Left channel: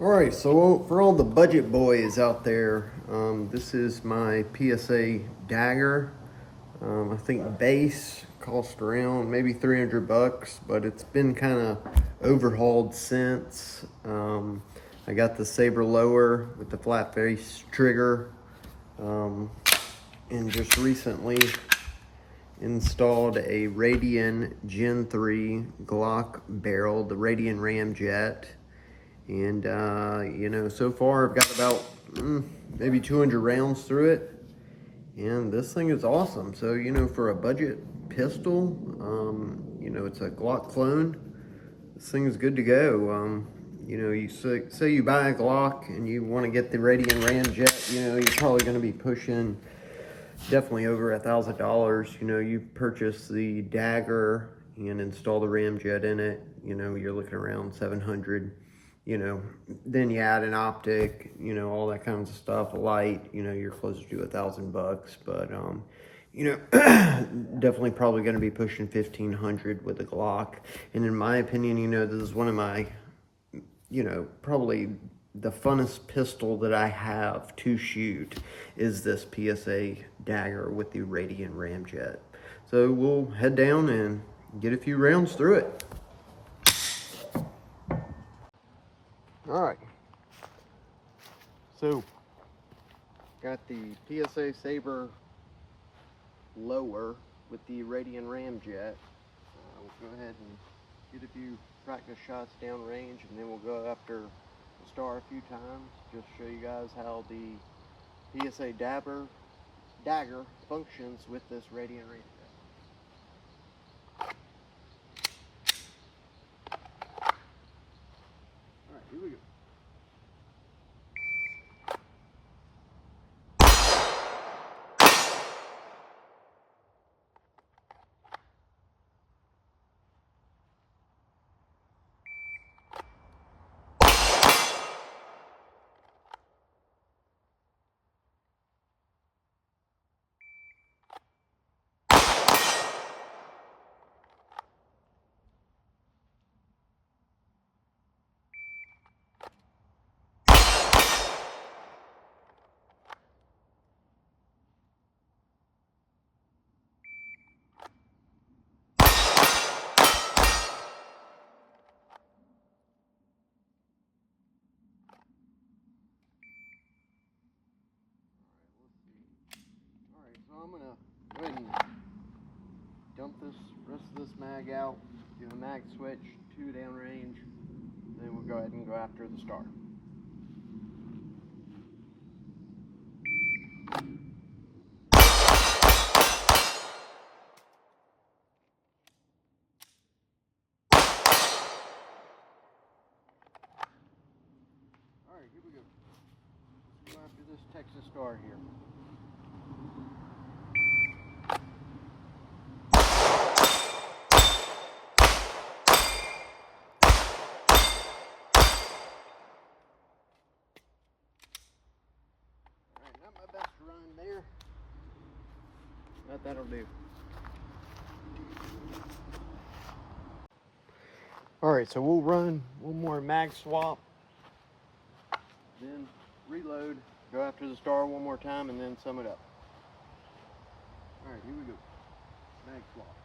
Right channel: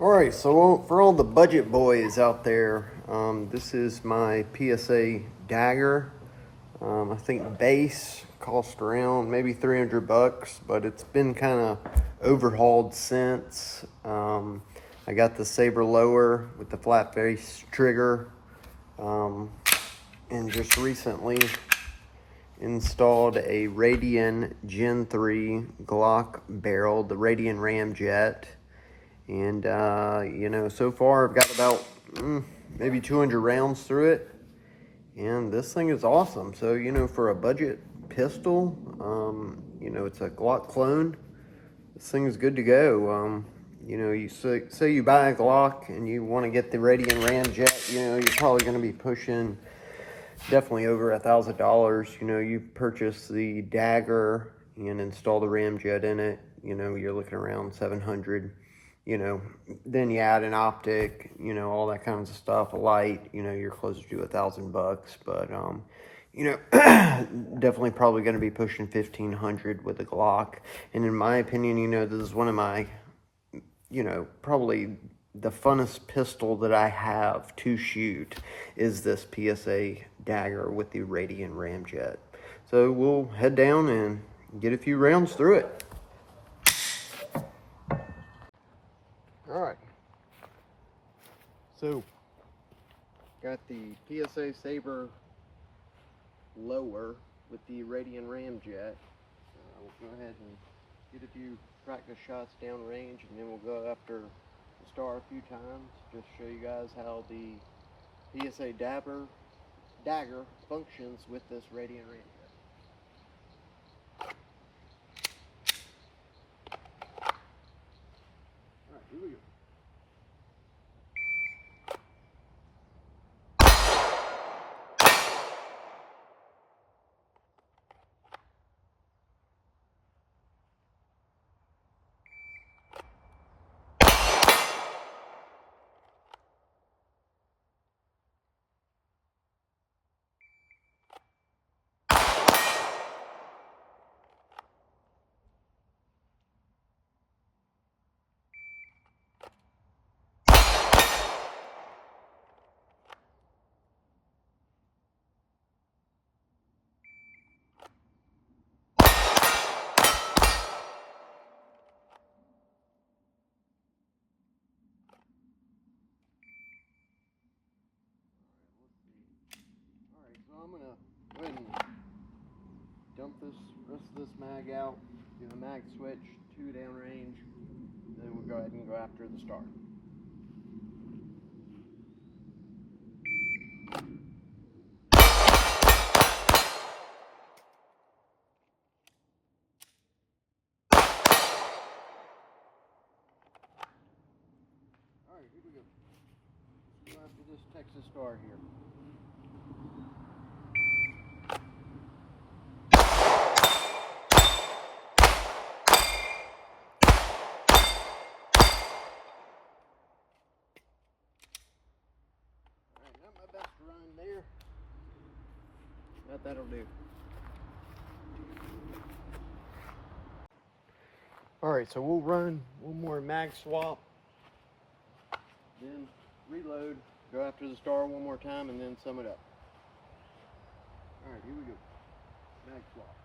Alright, so for all the budget boys out there, this is my PSA Dagger. I think base cost around maybe 300 bucks, but it's been kind of overhauled since. I got the saber lower with the flat face trigger, and just recently installed a Radian Gen 3 Glock barrel, the Radian ramjet. And, so far I've got about maybe 200 rounds through it. And this thing is awesome. So, for a budget pistol, it's a Glock clone. This thing is good to go. You say you buy a Glock and you want to get the Radian ramjet, you're probably going to be pushing definitely over $1,000. You purchase the Dagger and install the ramjet in it, you're looking around 700. Then you add an optic, all that kinds of stuff, a light, you're closer to $1,000 but definitely probably going to be pushing 1,500 with the Glock. And in my opinion, this is one of my, probably the funnest pistol that I have to shoot is this PSA Dagger with the Radian ramjet. So we'll head down and get a few rounds through it. Alright, so got the PSA Saber lower with the Radian ramjet. We'll go ahead and get a few practice shots downrange, and then we'll go after the star a few times, just show you guys how the PSA Dagger functions with this Radian ramjet. Alright, here we go. So I'm going to go ahead and dump this rest of this mag out, do a mag switch, 2 downrange, then we'll go ahead and go after the star. Alright, here we go. Let's go after this Texas star here. Not my best run there, but that'll do. Alright, so we'll run one more mag swap, then reload, go after the star one more time, and then sum it up. Alright, here we go. Mag swap.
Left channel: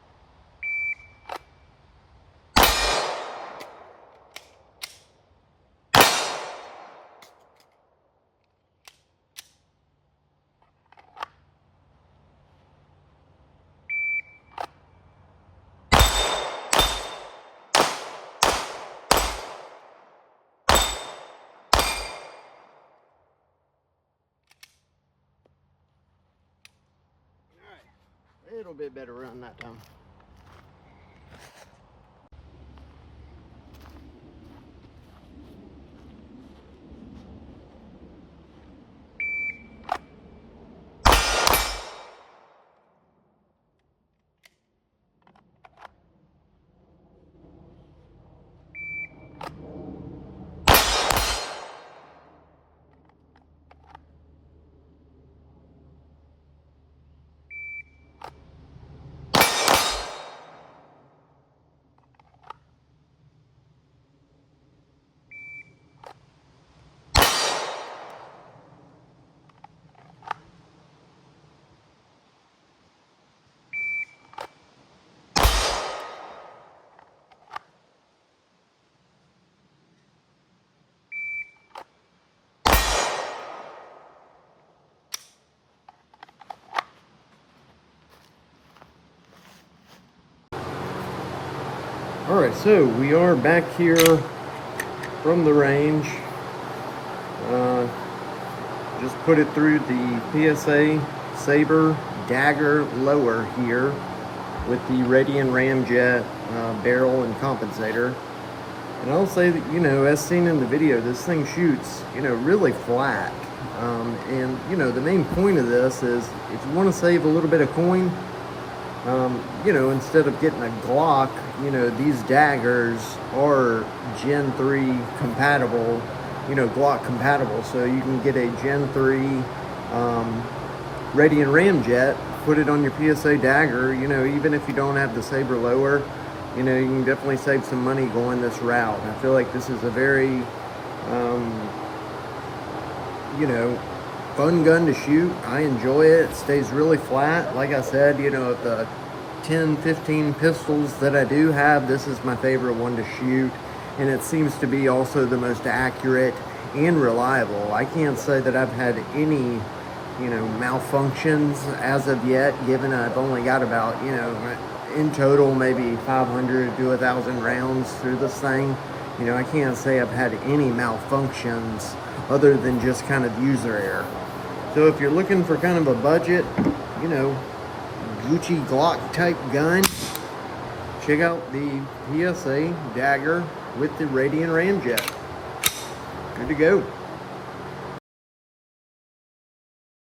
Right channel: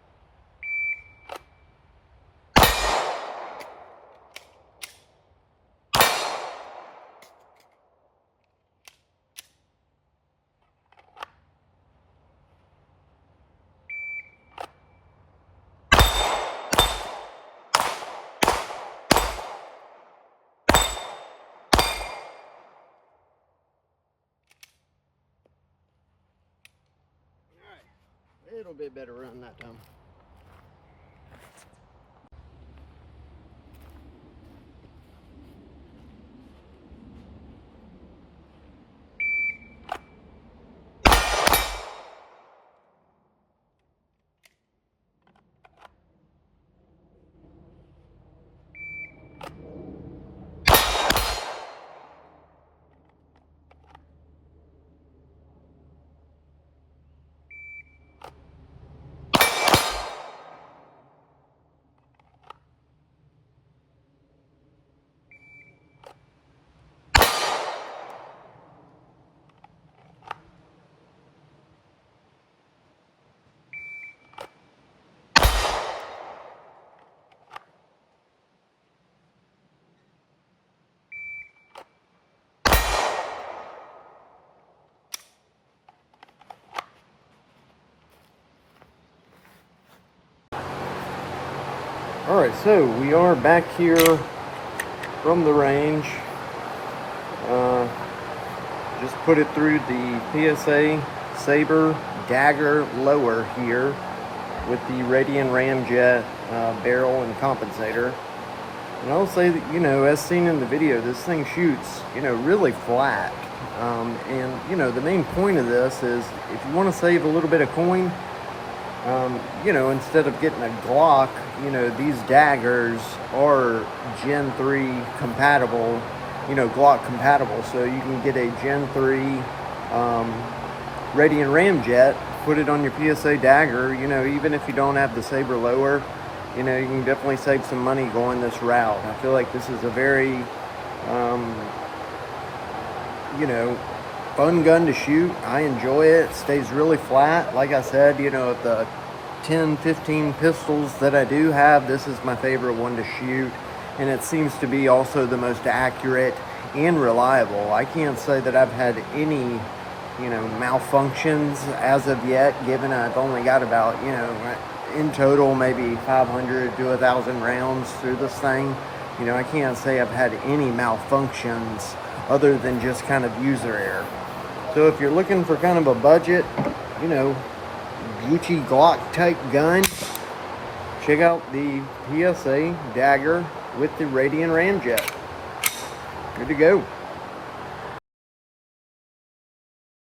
A little bit better run that time. Alright, so we are back here from the range. Just put it through the PSA Saber Dagger lower here with the Radian ramjet barrel and compensator. And I'll say that, you know, as seen in the video, this thing shoots, you know, really flat. And, you know, the main point of this is if you want to save a little bit of coin, you know, instead of getting a Glock, you know, these daggers are Gen 3 compatible, you know, Glock compatible. So you can get a Gen 3 Radian ramjet, put it on your PSA Dagger, you know, even if you don't have the Saber lower, you know, you can definitely save some money going this route. I feel like this is a very, you know, fun gun to shoot. I enjoy it. It stays really flat. Like I said, you know, the 10, 15 pistols that I do have, this is my favorite one to shoot. And it seems to be also the most accurate and reliable. I can't say that I've had any, you know, malfunctions as of yet, given I've only got about, you know, in total maybe 500 to 1,000 rounds through this thing. You know, I can't say I've had any malfunctions other than just kind of user error. So if you're looking for kind of a budget, you know, Gucci Glock type gun, check out the PSA Dagger with the Radian ramjet. Good to go.